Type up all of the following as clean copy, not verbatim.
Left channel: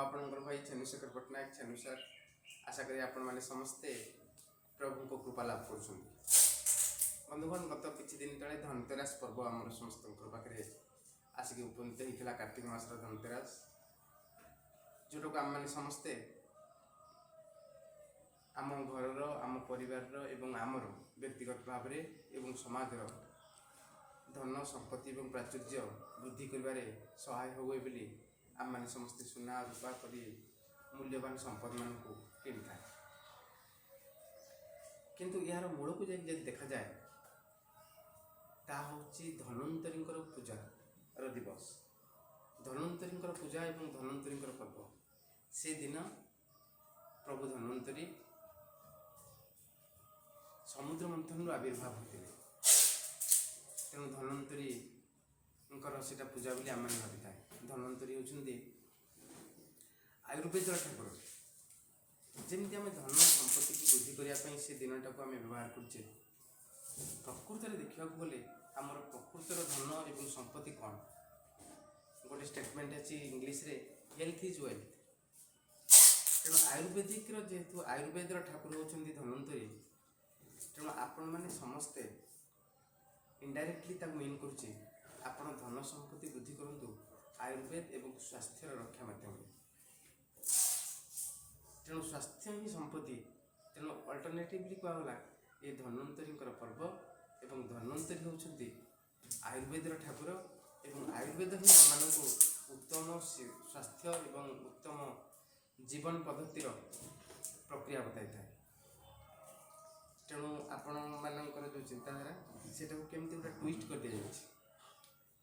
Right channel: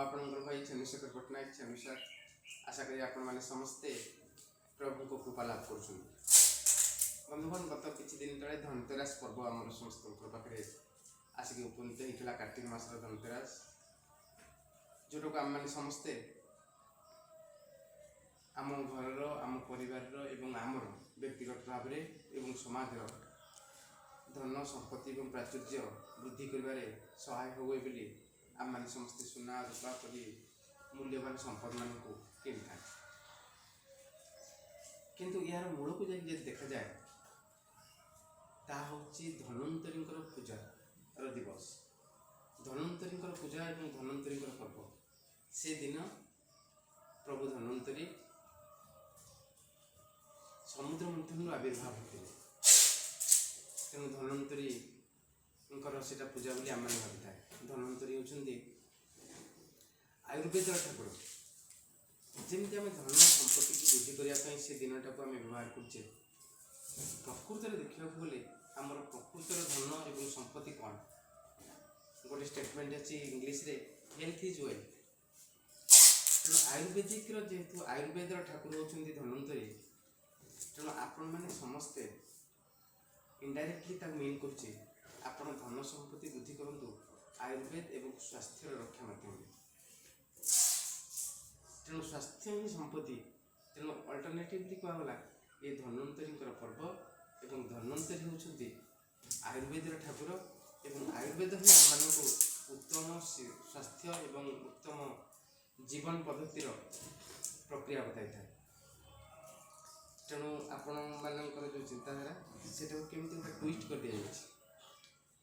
आपणकर भाई चंद्रशेखर पट्टनायक चंद्रशेखर आशा करी आपण मैंने समस्ते प्रभु को कृपा लाभ कर बंधुगण गत किसी दिन तले धनतेरस पर्व आम समस्त पाखे आसिक उपनीत होता कार्तिक मासर धनतेरस जोटा को आम मैंने समस्ते आम घर आम परिवार एवं आमर व्यक्तिगत भाव में समाज धन संपत्ति और प्राचुर्य वृद्धि कर सहाय हुए बोली आम मैंने समस्ते सुना रूपा कर मूल्यवान संपद मान को किन था किंतु यार मूल को जब देखा जाए ता हूँ धन्वंतरी पूजा दिवस धन्वंतरी पूजा और धन्वंतरी पर्व से दिन प्रभु धन्वंतरी समुद्र मंथन आविर्भाव होते तेणु धन्वंतरी से पूजा बोली आम भावी था धन्वंतरी होती आयुर्वेद ठाकुर जमी आम धन संपत्ति की वृद्धि करने से दिन टाक आम व्यवहार करुचे प्रकृत में देखा गले आमर प्रकृतर धन और संपत्ति कौन गोटे स्टेटमेंट अच्छी इंग्लीश रे हेल्थ इज वेल्थ तेणु आयुर्वेदिक जेहेतु आयुर्वेद ठाकुर होती धन्वंतरी तेणु आपण मैंने समस्ते इनडायरेक्टली मीन करुचे आपण धन संपत्ति वृद्धि करूँ आयुर्वेद एवं स्वास्थ्य रक्षा माध्यम तेणु स्वास्थ्य ही संपत्ति तेणु अल्टरनेटिवली कहगला ये धन्वंतरी पर्व एवं धन्वंतरी होती आयुर्वेद ठाकुर एवं आयुर्वेद ही आम उत्तम स्वास्थ्य एवं उत्तम जीवन पद्धतिर प्रक्रिया बताई था तेणु आपण मानकर जो चिंताधारा से केमती गोटे ट्विस्ट कर दिया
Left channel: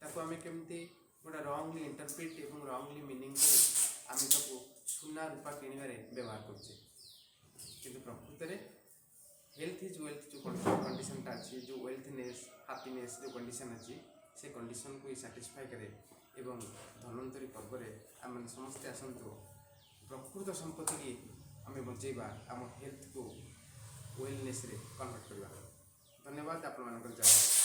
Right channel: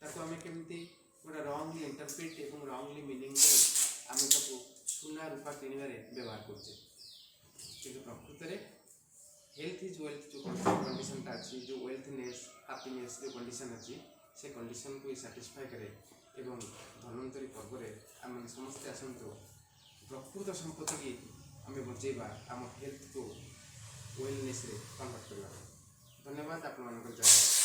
ताको आम केमती गोटे रंगली इंटरप्रिट एवं रंगली मीनिंग कर आम ताको सुना रूपा किणवे व्यवहार करुचे किंतु प्रकृत में हेल्थ इज वेल्थ जो कंडीशन अच्छी जो वेल्थनेस हैप्पीनेस जो कंडीशन अच्छी से कंडीशन को सैटिस्फाई करे एवं धन्वंतरी पर्व आम समस्ते आसतु प्रकृत संपत्ति की आम बचेबा आम हेल्थ को वेलनेस रे कन्वर्ट करवा। धन्यवाद आपण मान जय।